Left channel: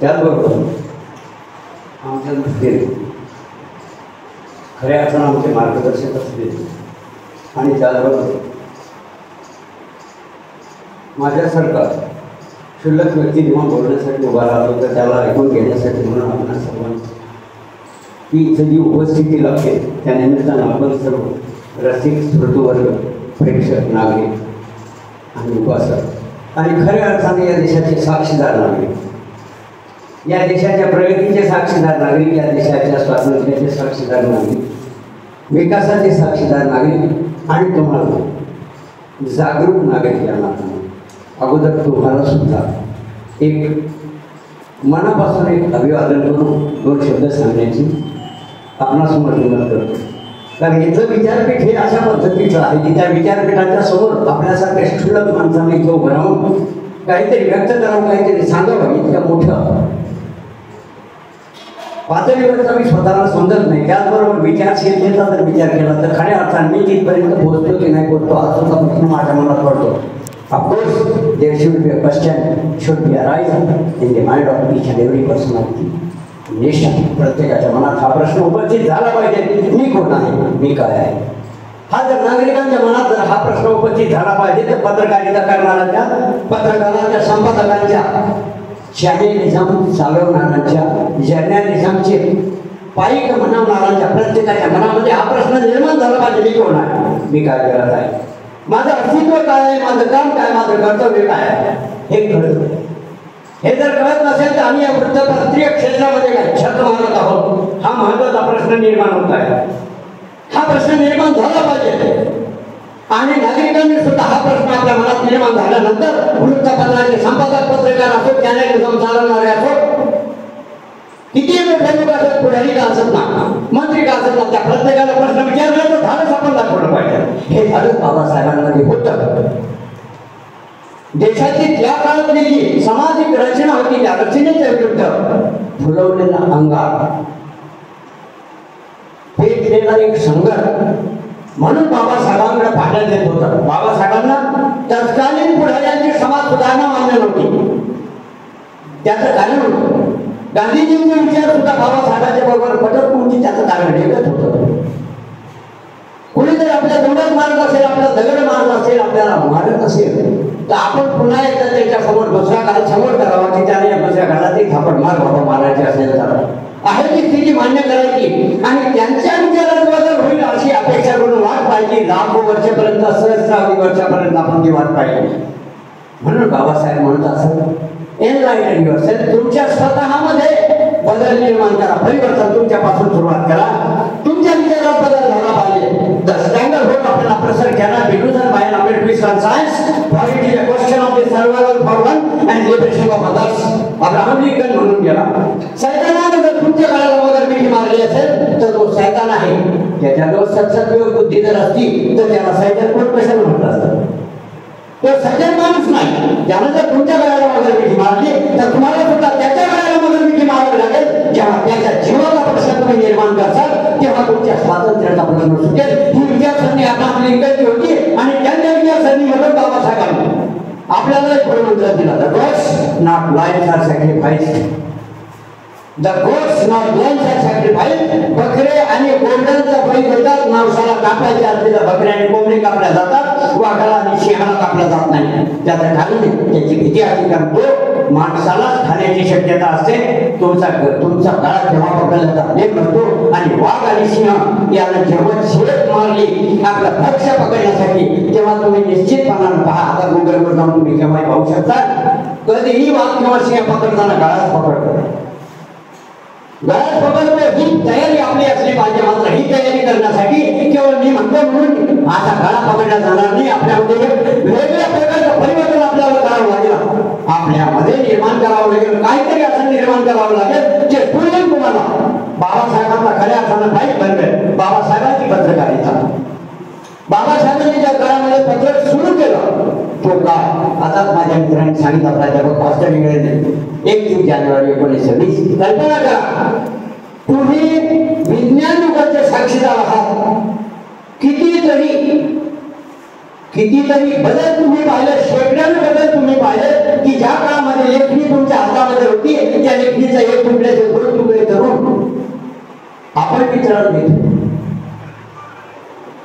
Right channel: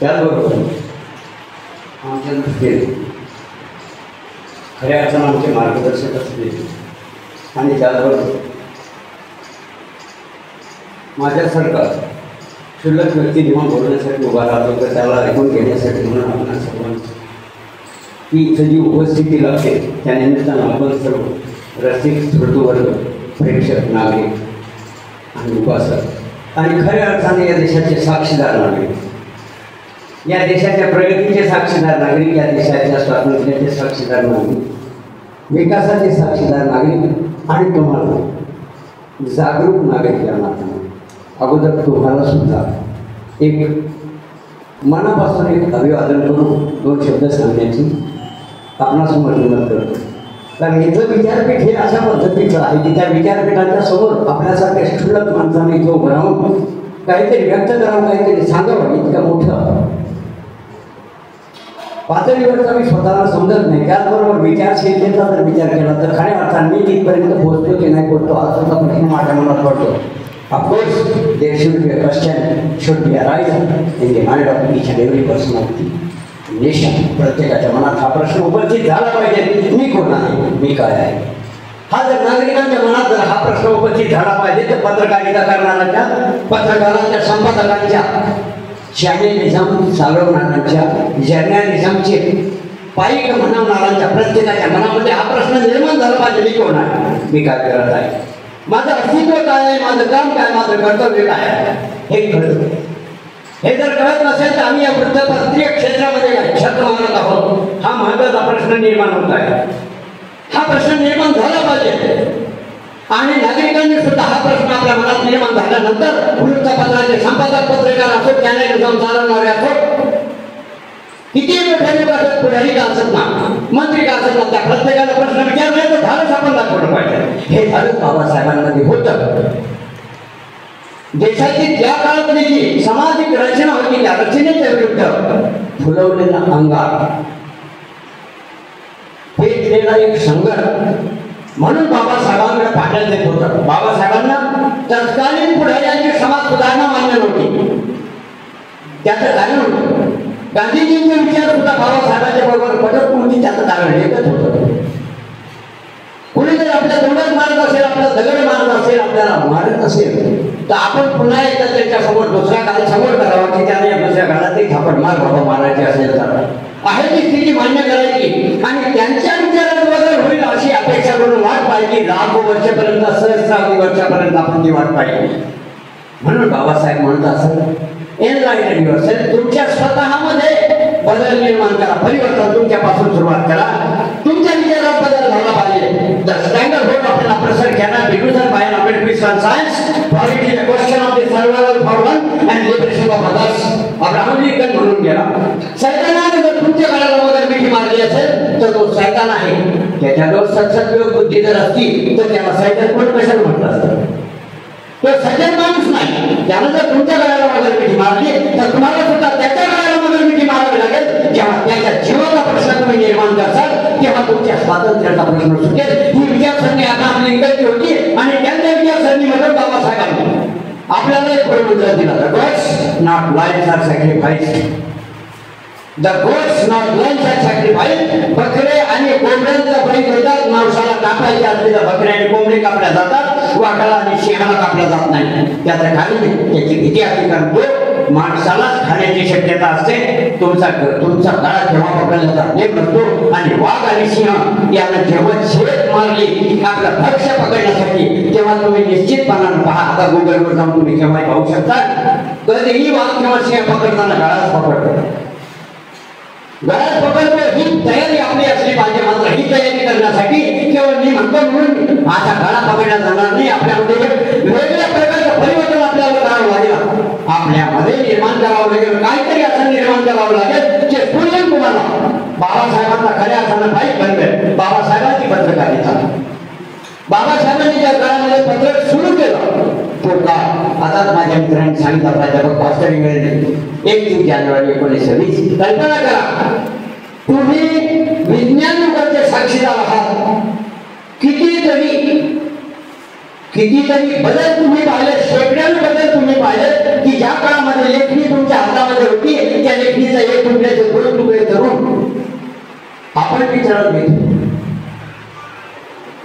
त्याचबरोबर आमचे असलेले खऱ्या अर्थानं आमचे मार्गदर्शक असले आणि त्याचबरोबर माझ्यासारखा क्षुल्लक व्यक्ती जेव्हा बोलण्यासाठी उभा राहतो तर त्याला ऐकून घेण्यासाठी म्हणून आपण सर्वांची की इथं जी उपस्थिती लागते त्यानिमित्तानं आपण सर्व रसिक स्मृतवर्ग प्रेक्षक नागरिक आणि उपासक आणि खऱ्या अर्थाने या देशाचे साक्षीदार नागरिक, या देशाच्या प्रगतीचे साक्षीदार नागरिक, या देशाच्या स्वातंत्र्याचे साक्षीदार नागरिक, विकासाचे साक्षीदार नागरिक आणि कमाल जागरूक नागरिक या नात्याने अगोदर तुम्हाला सुद्धा एक मनापासून एक अभिवादन करून दोन शब्द सांगण्याची आपणासमोर हिंमत करतो. कारण इथलं विद्यापीठ हे अशा पद्धतीचं आहे की त्या विद्यापीठाच्या समोर आपल्यासारख्या शिक्षक माणसाने तो उभं राहून काहीतरी व्यक्त करावं, काहीतरी सांगावं. इतक्या मोठं पातळीवरचा मी स्वतःला समजत नाही. त्याचबरोबर विचारशीलतेचा जर विचार केला तर खऱ्या अर्थाने मी तिथपर्यंत पोहोचतो की नाही पोहोचतो हा सुद्धा प्रश्न माझ्या मनात पडतो. Of there should be a question, should be arising in the mind of each and every person of the nation. प्रत्येकाच्या मनात हा प्रश्न उपस्थित झाला पाहिजे, मी कोण आहे, मी काय आहे. हा जर नागरिकांच्या मनात जर हा प्रश्न उपस्थित झाला पाहिजे तर पत्रकारिता करणाऱ्यांच्या, पत्रकारांच्या, संपादकांच्या, जर्नलिझम चालवणाऱ्यांच्या, जर्नलिझमचे पाईक म्हणणाऱ्यांच्या प्रत्येकाच्या मनामध्ये हा प्रश्न निर्माण झाला पाहिजे, मी कोण आहे, मी काय करत आहे, माझं अस्तित्व काय आहे, माझं काम काय, माझं कर्तव्य काय आहे, हे कळत नाही. हे जर कळत नसेल तर आम्ही या वृत्तपत्रीय क्षेत्रामध्ये काय छत मारत आहोत, हा महत्वाचा प्रश्न निर्माण होत आहे. हा प्रश्न निर्माण झाला पाहिजे आणि नागरिकांनी सुद्धा हा प्रश्न आपल्या मनात निर्माण झाल्यानंतर वृत्तपत्राचे संपादक, पत्रकार असो, चॅनल चालवणारे असो, किती पुढारी का असत ना, मंत्री का असत ना, त्या प्रत्येकाला प्रश्न विचारण्याचं तो धाडस आपण दाखवलं पाहिजे. हे धाडस बाबासाहेबांमध्ये होतं. देशाची त्या काळातली सामाजिक रचना होती, त्या रचनेच्या विरुद्ध फुलवलेला अंगार, पेटलेला एक संघर्ष म्हणून बाबासाहेबांकडे पाहण्यात येत होतं. बाबासाहेबांना तत्कालीन पुढाऱ्यांची समाज सुधारणा मान्य नव्हती, त्याचं कारण होतं. गांधीजींचे विचार सुद्धा बाबासाहेबांच्या बरोबर पटत नव्हती, त्याचं कारण एकच होतं. कुणी जर आपल्या तोंडात मारत असेल, आपला दगड मारत असेल, आपल्याला मारत असेल तर आपण पुन्हा एकदा त्याच्या समोर दुसरा घाला समोर करावा की त्याने या दुसऱ्या घालात थापड मार बाबा मारायचे असेल तर आहे ती स्थिती मान्य करायची आणि त्यांच्या विचारात बदल होईल अशी अपेक्षा करून वाट पाहिजे. लाखो वर्षापर्यंत, सहस्रावधी वर्षापर्यंत आपण ती वाट पाहिजे. म्हणून बाबासाहेब म्हणतात एनलाइटन युअरसेल्फ, तुमच्या स्वतःमध्ये बदल निर्माण करा, परिवर्तन तुमच्यापासून सुरुवात करा. तुमच्या विचारात बदल झाला पाहिजे. तर स्टँडर्ड होऊन आपल्याला प्रसार केला विकृतन by noble science quality question of the survival for one and liberation of others Abraham Lincoln म्हणून केला. सैतानाने जर तुमच्या गळ्याला वगैरे मिठी मारली असेल तर तो सैतान आहे. त्याच्याजवळ सत्सत्व बुद्धी जर असती तर त्याला सैतान कोण कशाला म्हणत असतं. तो सज्जन माणूस नाही. त्यानं जर तुमच्या गळ्याला वगैरे मिठी मारली तर तुम्हाला सुद्धा त्याच्या गळ्याला वगैरे मिठी मारावी लागेल. जेव्हा त्याच्या जीवाचा प्रश्न तुम्ही निर्माण करसाल तेव्हा तुमच्या स्वातंत्र्याचा प्रश्न सुटेल. ही विचारसरणी अब्राहम लिंकनची होती आणि त्यांच्या विचारसरणीमधून बाबासाहेबांनी आपल्याला एक प्रमुख दिला. The goats not lives are sacrificed. The goats not lives are sacrificed. बकरे आणि कोंबड्यांचा बळी देतात. माणसाला कापायच्या असलेल्या बकरे आणि कोंबडे कापल्या जातात, वाघाला आणि सिंहाला कापल्या जात नाही. त्याचं कारण त्याची भीती आधी करतो, माणसालाच खाण्याची शक्यता असते. तुमचा काळा जेव्हा पकडला जातो आणि वाघ आणि सिंह याला जेव्हा शेत मारली आपला भक्ष पकडण्यासाठी तेव्हा तुम्ही निश्चितपणानं पहा. आता गुगलवर जाऊन तुम्ही केव्हा पाहू शकता. कधीही वाघ किंवा सिंह पकडताना गळाच पकडतो. गळाच पकडतो ही तयारी आपली असली पाहिजे. मात्र ही तयारी करण्यासाठी केवळ मी म्हणतो म्हणून आता गळा पकडला जाणार नाही. आपल्यामध्ये वेगवेगळ्या प्रकारचं परिवर्तन आपल्याला करावं लागेल. आपल्यामध्ये निर्माण करावं लागेल. काहीतरी असं निर्माण करावं लागेल जे पूर्ण तुम्हाला बाबासाहेबांचा खऱ्या अर्थानं पाहिजे बनवेल. बाबासाहेबांची पत्रकारिता, बाबासाहेबांनी ज्या काळामध्ये पत्रक सुरू केलं तो काळ आता माझ्या मित्रांनी सांगितलं. प्राध्यापक भास्कर इंगळे 1 जानेवारी 1920. कल्पना करा, तुम्ही विज्ञान युगाचे साक्षीदार आहात. कितीतरी बदल तुम्ही पाहिले, शैक्षणिक बदल तुम्ही पाहिले की ज्या काळामध्ये लेखणी तुमच्या हातामध्ये होती त्या लेखणी कणकीचा एक तुकड्याचे दोन तुकडे करून आपण विचारत घेतो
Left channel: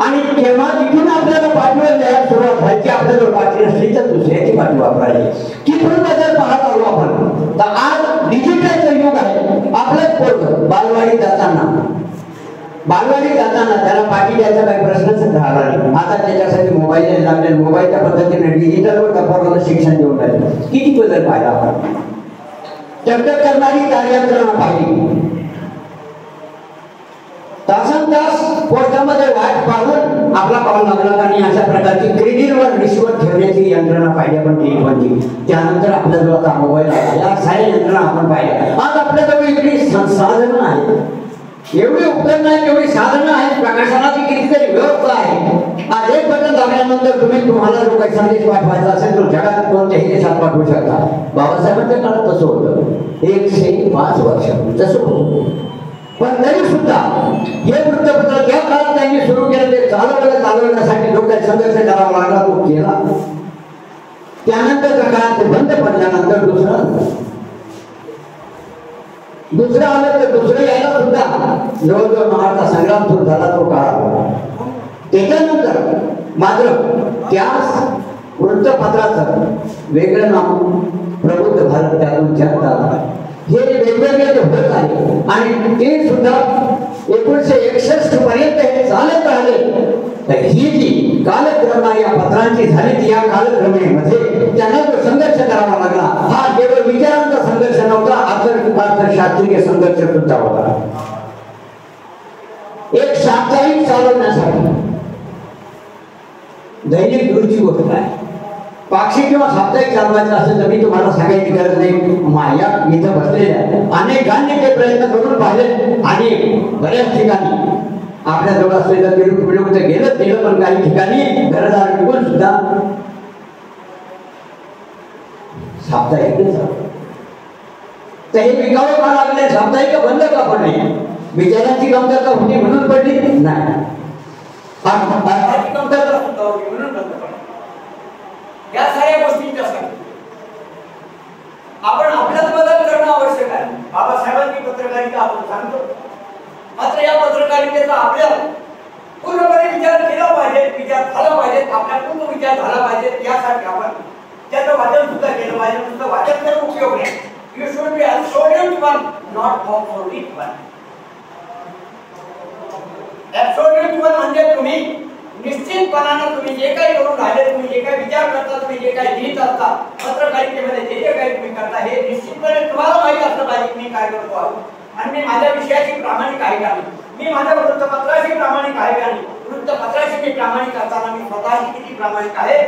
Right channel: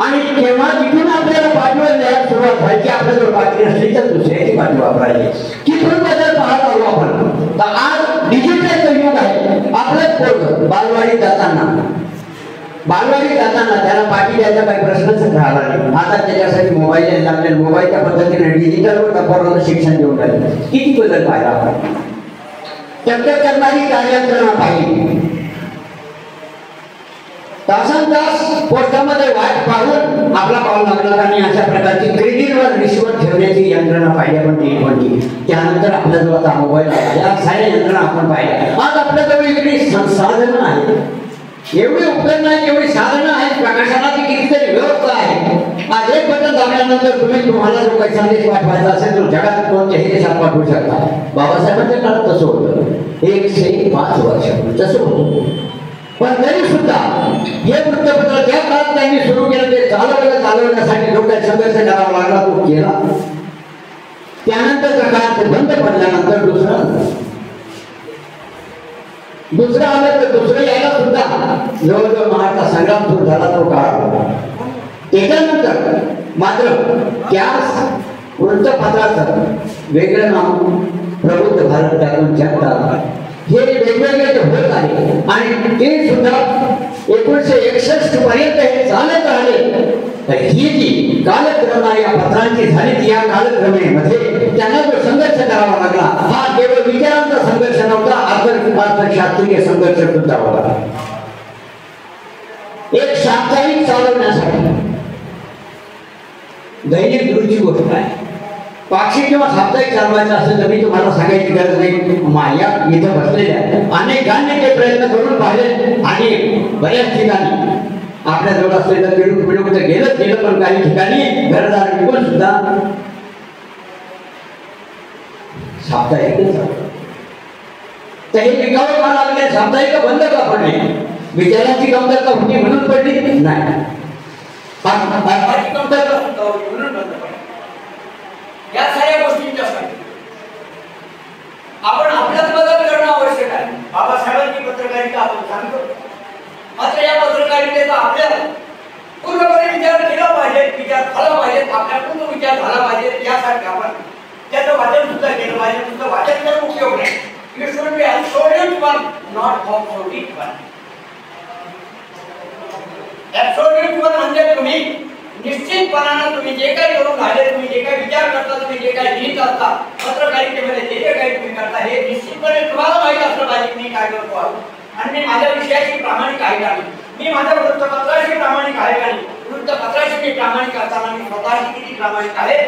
आणि जेव्हा तिथून आपल्याला पाठवायला सुरुवात व्हायची, आपल्याला पाठवली नसली तर दुसऱ्याची पाठी वापरायची. तिथून बदल पाहत आलो आपण. तर आज डिजिटल युग आहे. आपलंच पोरग बालवाडीत जाताना त्याला पाठी द्यायचा काही प्रश्नच राहिला नाही. आता त्याच्यासाठी मोबाईल लागले, मोबाईलच्या पद्धतीने डिजिटल टप्प्यावर शिक्षण देऊन राहिले. किती बदल पाहिला आपण. टप्प करणारी कार्ययंत्रणा पाहिली. तासन तास पोस्टामध्ये वाट पाहून आपला कॉल लागला आणि अशा प्रकारची क्रेडिटवर रिश्वत ठेवण्याची यंत्रणा पाहिली आपण टेलिफोनची. त्यानंतर आपल्याजवळ आता मोबाईल या साऱ्या यंत्रणा आपण पाहिल्या. आज आपल्याजवळ एवढी संसाधनं आहेत, एवढी उपकरणं आहेत, एवढी साधनं आहेत, प्रकाशनाची कितीतरी व्यवस्था आहे. आज एक बटन दाबल्यानंतर तुम्हाला जो काही संदेश पाठवायचा असेल तो जगात कोणत्याही देशात पाठवू शकता. बाबासाहेबांच्या काळात तसं होतं. 105 वर्ष तसं होतं. पण तरी सुद्धा हे वृत्तपत्र ज्या काळात त्यांनी सुरू केलं ते चालवण्यासाठी लोकांनी संघर्ष करावा लागला, तो केला. त्यानंतरच्या काळात ते बंद पडल्यानंतर दुसरं आलं तर दुसरं यायला सुद्धा जवळजवळ महाराष्ट्र संग्राम सुरू झाला तो काळ. त्याच्यानंतर मात्र त्याच वृत्तपत्राचं वेगळं नाव प्रबुद्ध भारत त्यातून जनता हे वेगवेगळे जे होत आहे आणि ते सुद्धा 1961 पर्यंत हे चालत राहिले. तर ही जी कालक्रमाने या पत्रांची झाली ती या कालक्रमेमध्ये त्यांना जो संघर्ष करावा लागला हा केवळ विचारांचा संघर्ष नव्हता, शास्त्रीय संघर्ष सुद्धा होता. एक साप्ताहिक चालवण्यासाठी दैनिक दूरची गोष्ट आहे. पाक्षिक किंवा साप्ताहिक चालवायचं असेल तर मी तुम्हाला सांगायची गरज नाही. माझ्या इथं बसलेल्या अनेकांनी ते प्रयत्न करून पाहिले आणि बऱ्याच ठिकाणी आपल्या जवळ असलेलं पिढू तर गेलं पण काही ठिकाणी घरदार विकून सुद्धा साप्ताहिक तर हे विकावं का लागले. साप्ताहिक बंद का पडले. विचारांची कमतरता होती म्हणून पडली नाही. या साऱ्या गोष्टींच्यासाठी आपण आपल्यात बदल करणं आवश्यक आहे. बाबासाहेबांनी पत्रकारिता आपण सांगतो, मात्र या पत्रकारितेचा आपल्या पूर्णपणे विचार केला पाहिजे, विचार झाला पाहिजे, आपल्यातून तो विचार झाला पाहिजे. त्यासाठी आपण त्याचं वाचन सुद्धा केलं पाहिजे. सुद्धा वाचन करून उपयोग नाही. You should be absolute one, not absolute one. Absolute one म्हणजे तुम्ही निश्चितपणानं तुम्ही जे काही करून राहिले, तुम्ही जे काही विचार करता, तुम्ही जे काही लिहित असता, पत्रकारितेमध्ये जे जे काही तुम्ही करता हे निश्चितपणे तुम्हाला माहित असलं पाहिजे मी काय करतो आणि मी माझ्या विषयाची प्रामाणिक आहे का नाही, मी माझ्या वृत्तपत्राशी प्रामाणिक आहे का नाही, वृत्तपत्राशी मी प्रामाणिक असताना मी स्वतःशी किती प्रामाणिक आहे,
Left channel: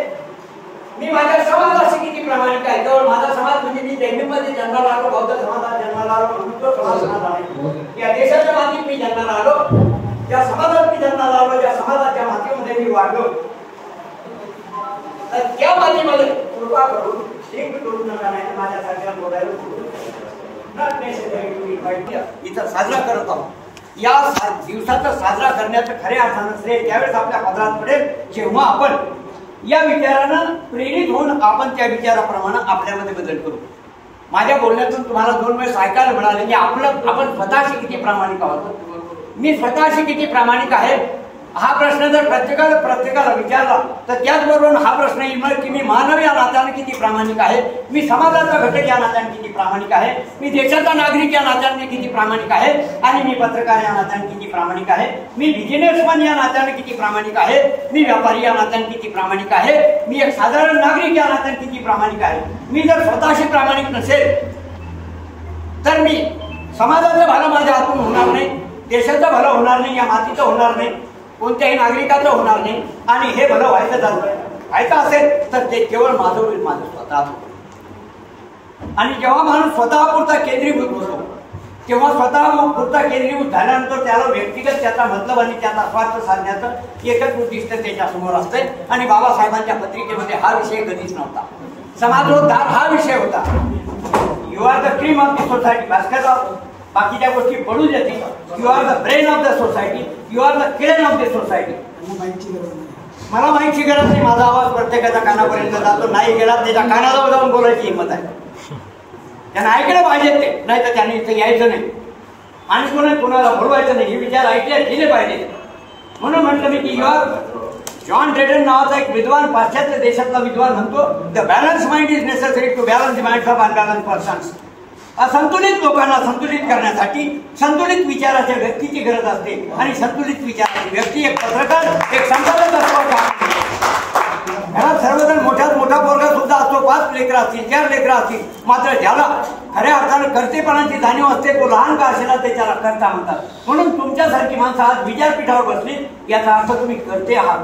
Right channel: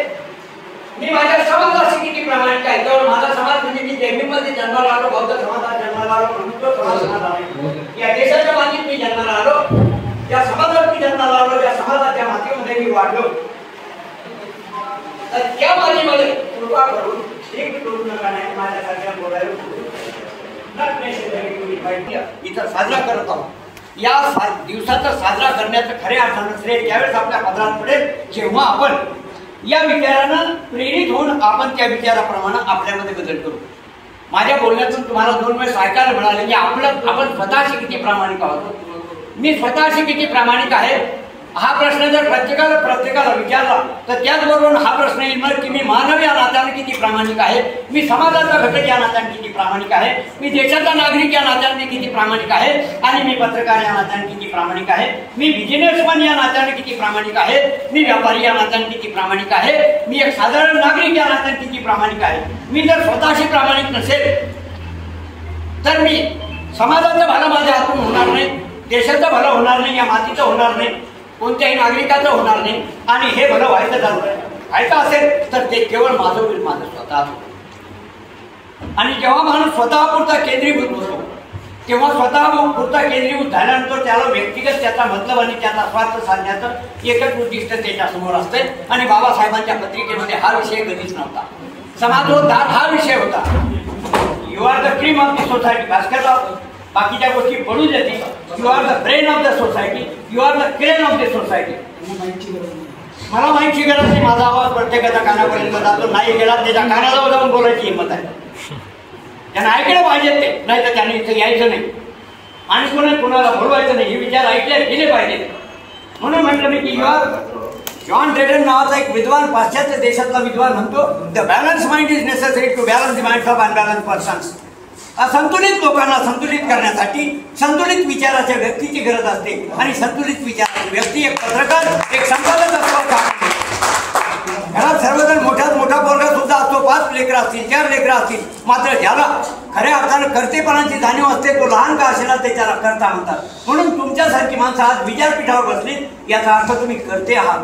मी माझ्या समाजाशी किती प्रामाणिक आहे. तर माझा समाज म्हणजे मी जैविकमध्ये जन्माला आलो, बौद्ध समाजात जन्माला आलो, हिंदू समाजात आलो, या देशाच्या मातीत मी जन्माला आलो, ज्या समाजात मी जन्माला आलो, ज्या समाजाच्या मातीमध्ये मी वाढलो, तर त्या मातीमध्ये कृपा करून एक करू नका नाही माझ्यासारख्या बोलायला इथं साजरा करत आहोत. या दिवसाचा साजरा करण्याचं खऱ्या अर्थानं श्रेय त्यावेळेस आपल्या पदरात पडेल जेव्हा आपण या विचारानं प्रेरित होऊन आपण त्या विचाराप्रमाणे आपल्यामध्ये बदल करू. माझ्या बोलण्यातून तुम्हाला 2 वेळेस ऐकायला मिळाले की आपण स्वतःशी किती प्रामाणिक आहोत, मी स्वतःशी किती प्रामाणिक आहे. हा प्रश्न जर प्रत्येकाला विचारला तर त्याचबरोबर हा प्रश्न येणार की मी मानव या नात्याने किती प्रामाणिक आहे, मी समाजाचा घटक या नात्याने किती प्रामाणिक आहे, मी देशाचा नागरिक या नात्याने किती प्रामाणिक आहे आणि मी पत्रकार या नात्याने किती प्रामाणिक आहे, मी बिझनेसमॅन या नात्याने किती प्रामाणिक आहे, मी व्यापारी या नात्याने किती प्रामाणिक आहे, मी एक साधारण नागरिक या नात्याने किती प्रामाणिक आहे. मी जर स्वतःशी प्रामाणिक नसेल तर मी समाजाचं भलं माझ्या हातून होणार नाही, देशाचं भलं होणार नाही, या मातीचं होणार नाही, कोणत्याही नागरिकाचं होणार नाही. आणि हे भलं व्हायचं असेल तर ते केवळ माझं होईल, माझं स्वतःच. आणि जेव्हा माणूस स्वतःपुरता केंद्रीभूत होतो तेव्हा स्वतःपुरता केंद्रीभूत झाल्यानंतर त्याला व्यक्तिगत त्याचा मतलब आणि त्याचा स्वार्थ साधण्याचं एकच उद्दिष्ट त्याच्यासमोर असते. आणि बाबासाहेबांच्या पत्रिकेमध्ये हा विषय कधीच नव्हता. समाजोद्धार हा विषय होता. You are the cream of the society. Bhaskarrao बाकीच्या गोष्टी पडून देतील. You are the brain of the society, you are the crane of the society. मला माहिती गरज नाही, माझा आवाज प्रत्येकाच्या कानापर्यंत जातो, नाही गेला त्याच्या कानाला जाऊन बोलायची हिंमत आहे. त्यांना ऐकलं पाहिजे ते, नाही तर त्यांनी इथे यायचं नाही आणि कोणाला बोलवायचं नाही. हे विचार ऐकले गेले पाहिजे. म्हणून म्हटलं की जॉन ड्रेडन नावाचा एक विद्वान, पाश्चात्य देशातला विद्वान म्हणतो, the balance mind is necessary to balance the mind of unbalance persons. असंतुलित लोकांना संतुलित करण्यासाठी संतुलित विचाराच्या व्यक्तीची गरज असते आणि संतुलित विचाराची व्यक्ती एक पत्रकार, एक संपादक असतो. घरात सर्वजण मोठ्यात मोठा पोरगा सुद्धा असतो, 5 लेकरं असतील, 4 लेकरं असतील, मात्र ज्याला खऱ्या अर्थानं कर्तेपणाची जाणीव असते तो लहान का असेना त्याच्याला कर्ता म्हणतात. म्हणून तुमच्यासारखी माणसं आज विचारपीठावर बसली याचा अर्थ तुम्ही करते आहात.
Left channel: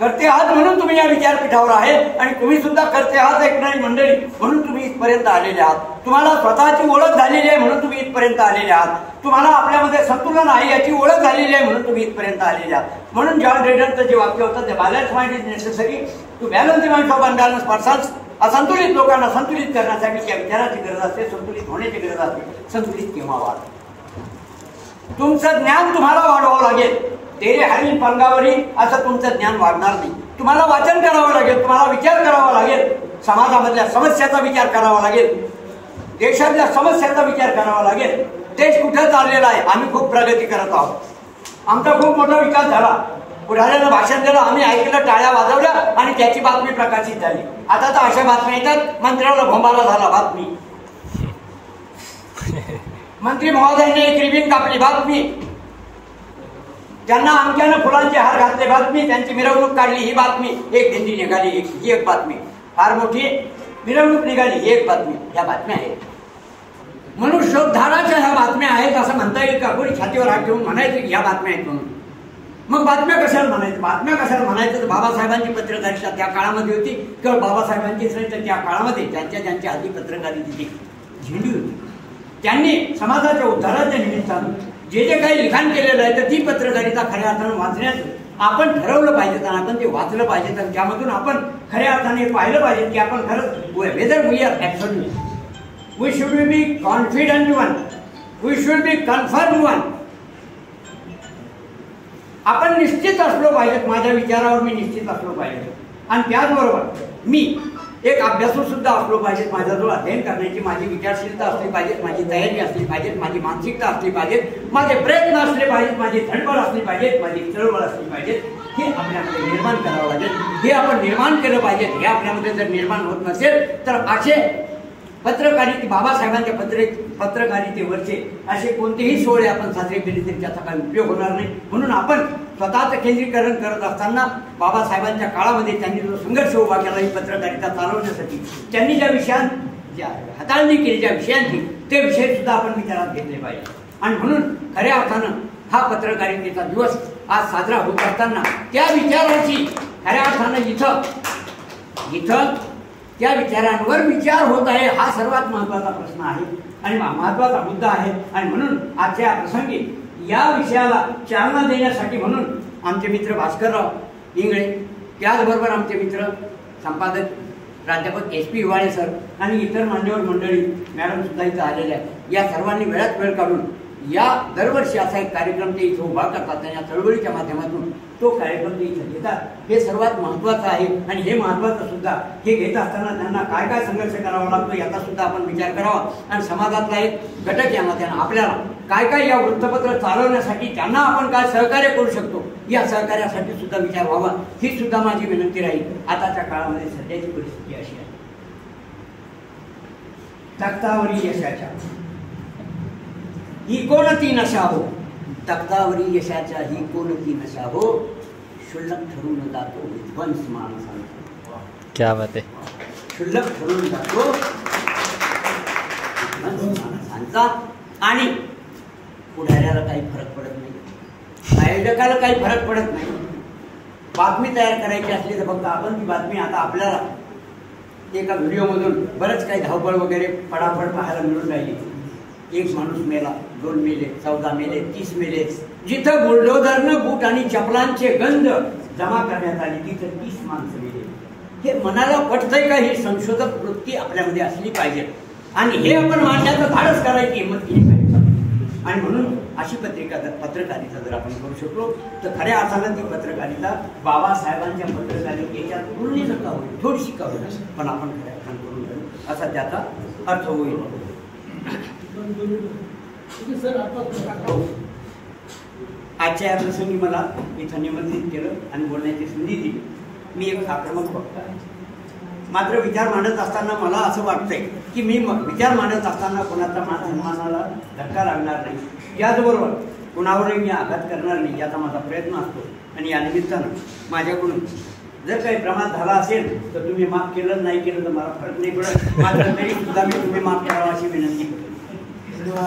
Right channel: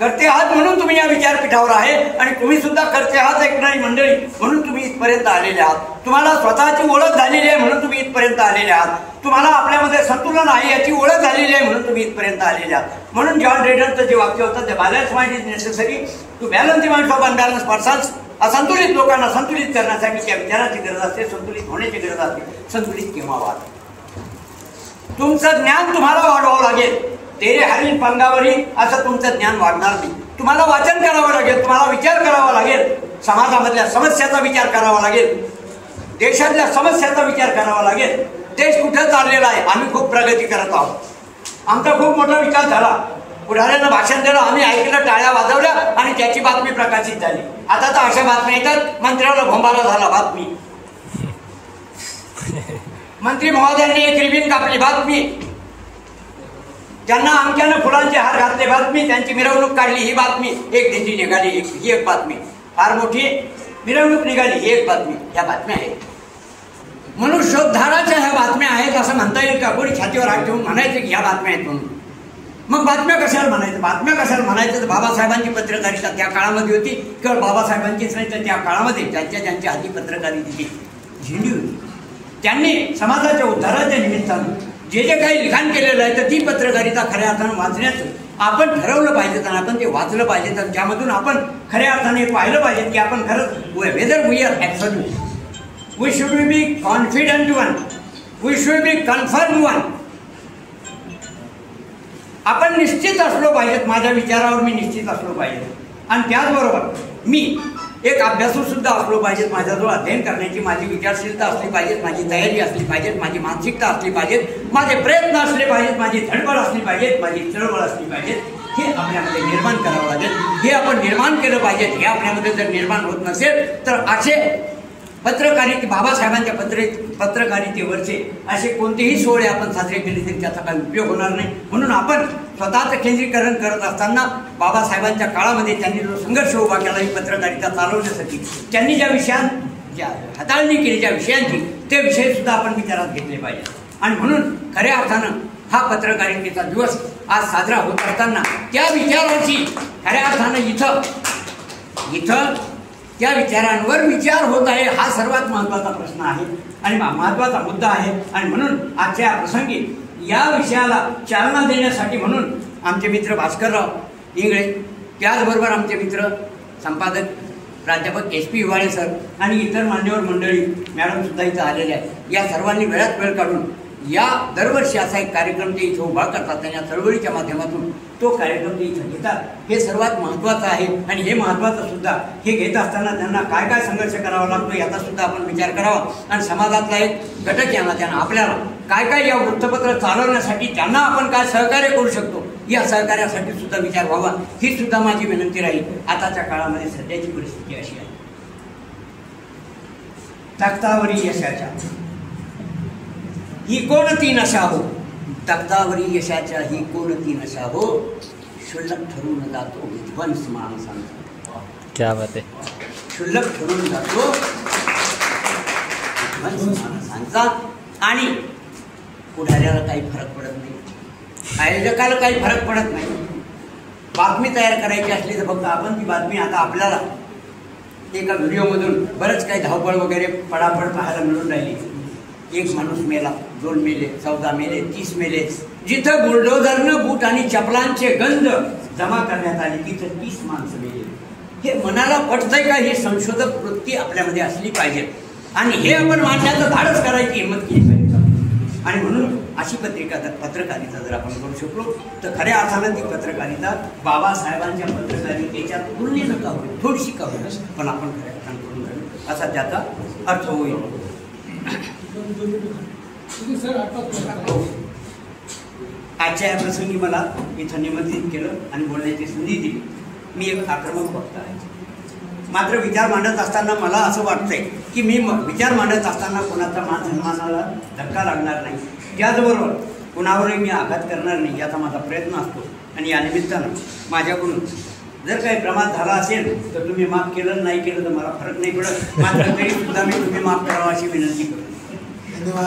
करते आहात म्हणून तुम्ही या विचारपीठावर आहे आणि तुम्ही सुद्धा करते आहात ऐकणारी मंडळी म्हणून तुम्ही इथपर्यंत आलेले आहात. तुम्हाला स्वतःची ओळख झालेली आहे म्हणून तुम्ही इथपर्यंत आलेले आहात. तुम्हाला आपल्यामध्ये संतुलन आहे याची ओळख झालेली आहे म्हणून तुम्ही इथपर्यंत आलेले आहात. म्हणून जॉन ड्रेडनचं जे वाक्य होतं, the balance mind is necessary to balance the mind of unbalance persons. असंतुलित लोकांना संतुलित करण्यासाठी त्या विचाराची गरज असते, संतुलित होण्याची गरज असते. संतुलित केव्हा व्हाल? तुमचं ज्ञान तुम्हाला वाढवावं लागेल. तेरे हरील पंगावरी असं तुमचं ज्ञान वाढणार नाही. तुम्हाला वाचन करावं लागेल, तुम्हाला विचार करावा लागेल, समाजामधल्या समस्याचा विचार करावा लागेल, देशातल्या समस्यांचा विचार करावा लागेल. देश कुठं चाललेला आहे? आम्ही खूप प्रगती करत आहोत, आमचा खूप मोठा विकास झाला. पुढाऱ्यानं भाषण दिलं, आम्ही ऐकलं, टाळ्या वाजवल्या आणि त्याची बातमी प्रकाशित झाली. आता तर अशा बातम्या येतात, मंत्र्याला भोंबाला झाला बातमी, मंत्री महोदयांनी एक रिबीन कापली बातमी, त्यांना अमक्यानं फुलांचे हार घातले बातमी, त्यांची मिरवणूक काढली ही बातमी, एक दिंडी निघाली ही एक बातमी, फार मोठी मिरवणूक निघाली ही एक बातमी. ह्या बातम्या आहेत, मनुष्योद्धाराच्या ह्या बातम्या आहेत असं म्हणता येईल का? कोणी छातीवर हात ठेवून म्हणायचं की ह्या बातम्या आहेत म्हणून? मग बातम्या कशाला म्हणायचं? बातम्या कशाला म्हणायचं? तर बाबासाहेबांची पत्रकारिता त्या काळामध्ये होती. केवळ बाबासाहेबांचीच नाही तर त्या काळामध्ये ज्यांच्या हाती पत्रकारितेची झेंडी होती, त्यांनी समाजाच्या उद्धाराच्या निमित्तानं जे काही लिखाण केलेलं आहे तर ती पत्रकारिता खऱ्या अर्थानं वाचण्याचं आपण ठरवलं पाहिजे आणि आपण ते वाचलं पाहिजे. तर ज्यामधून आपण खऱ्या अर्थाने पाहिलं पाहिजे की आपण खरंच whether we are absolute, we should be confident one, we should be confirm one. आपण निश्चित असलो पाहिजेत, माझ्या विचारावर मी निश्चित असलो पाहिजे आणि त्याचबरोबर मी एक अभ्यासू सुद्धा असलो पाहिजेत. माझ्याजवळ अध्ययन करण्याची माझी विचारशीलता असली पाहिजे, माझी तयारी असली पाहिजे, माझी मानसिकता असली पाहिजे, माझे प्रयत्न असले पाहिजेत, माझी धडपड असली पाहिजे, माझी चळवळ असली पाहिजे. हे आपल्यामध्ये निर्माण करावं लागेल. हे आपण निर्माण केलं पाहिजे. हे आपल्यामध्ये जर निर्माण होत नसेल तर असे पत्रकारिते बाबासाहेबांच्या पत्रकारितेवरचे असे कोणतेही सोहळे आपण साजरे केले तरी त्याचा काही उपयोग होणार नाही. म्हणून आपण स्वतःचं केंद्रीकरण करत असताना बाबासाहेबांच्या काळामध्ये त्यांनी जो संघर्ष उभा केला ही पत्रकारिता चालवण्यासाठी, त्यांनी ज्या हाताळणी केली ज्या विषयांची, ते विषय सुद्धा आपण विचारात घेतले पाहिजे. आणि म्हणून खऱ्या अर्थानं हा पत्रकारितेचा दिवस आज साजरा होत असताना त्या विचाराची खऱ्या अर्थानं इथं त्या विचारांवर विचार होत आहे हा सर्वात महत्त्वाचा प्रश्न आहे आणि महत्त्वाचा मुद्दा आहे. आणि म्हणून आजच्या प्रसंगी या विषयाला चालना देण्यासाठी म्हणून आमचे मित्र भास्करराव इंगळे, त्याचबरोबर आमचे मित्र संपादक प्राध्यापक SP हिवाळे सर आणि इतर मान्यवर मंडळी मॅडमसुद्धा इथं आलेले आहेत. या सर्वांनी वेळात वेळ काढून या दरवर्षी असा एक कार्यक्रम ते इथं उभा करतात आणि या चळवळीच्या माध्यमातून तो कार्यक्रम ते इथं घेतात. हे सर्वात महत्त्वाचं आहे आणि हे महत्त्वाचं सुद्धा हे घेत असताना त्यांना काय काय संघर्ष करावा लागतो याचा सुद्धा आपण विचार करावा. आणि समाजातला एक घटक त्यांना आपल्याला काय काय या वृत्तपत्र चालवण्यासाठी त्यांना आपण काय सहकार्य करू शकतो या सहकार्यासाठी सुद्धा विचार व्हावा, ही सुद्धा माझी विनंती राहील. आताच्या काळामध्ये सध्याची परिस्थिती अशी आहे, तख्तावरी यशाच्या ही कोणती नशा हो, तख्तावरी यशाच्या ही कोणती नशा हो, क्षुल्लक ठरून जातो विध्वंस माणसांचा. क्या बात आहे. क्षुल्लक ठरून जातो विध्वंस माणसांचा आणि पुढाऱ्याला काही फरक पडत नाही, आयोजकाला काही फरक पडत नाही. बातमी तयार करायची असली तर फक्त आपण ती बातमी आता आपल्याला एका व्हिडिओमधून बरंच काही धावपळ वगैरे पडापड पाहायला मिळून राहिली. एक माणूस मेला, 2 मेले, 14 मेले, 30 मेले. जिथं बुलडोझरनं बूट आणि चपलांचे गंज जमा करण्यात आले तिथं 30 माणसं मेले. हे मनाला पटतंय का? ही संशोधक वृत्ती आपल्यामध्ये असली पाहिजे आणि हे आपण मांडण्याचं धाडस करायची हिंमत केली पाहिजे. आणि म्हणून अशी पत्रकारिता जर आपण करू शकलो तर खऱ्या अर्थानं ती पत्रकारिता बाबासाहेबांच्या पत्रकारितेच्या तुलनेनं का होईल, थोडीशी का होईल, पण आपण खऱ्या अर्थानं करून राहिलो असा त्याचा अर्थ होईल. आजच्या या प्रसंगी मला इथं निमंत्रित केलं आणि बोलण्याची संधी दिली. मी एक आक्रमक वक्ता आहे. मात्र विचार मांडत असताना मला असं वाटतंय की मी विचार मांडत असताना कोणाचा मान सन्मानाला धक्का लागणार नाही, त्याचबरोबर कुणावरही मी आघात करणार नाही याचा माझा प्रयत्न असतो. आणि या निमित्तानं माझ्याकडून जर काही प्रमाद झाला असेल तर तुम्ही माफ केलं, नाही केलं तर मला फरक नाही पडत. मात्र तरी सुद्धा मी तुम्ही माफ करावा अशी विनंती करतो. धन्यवाद.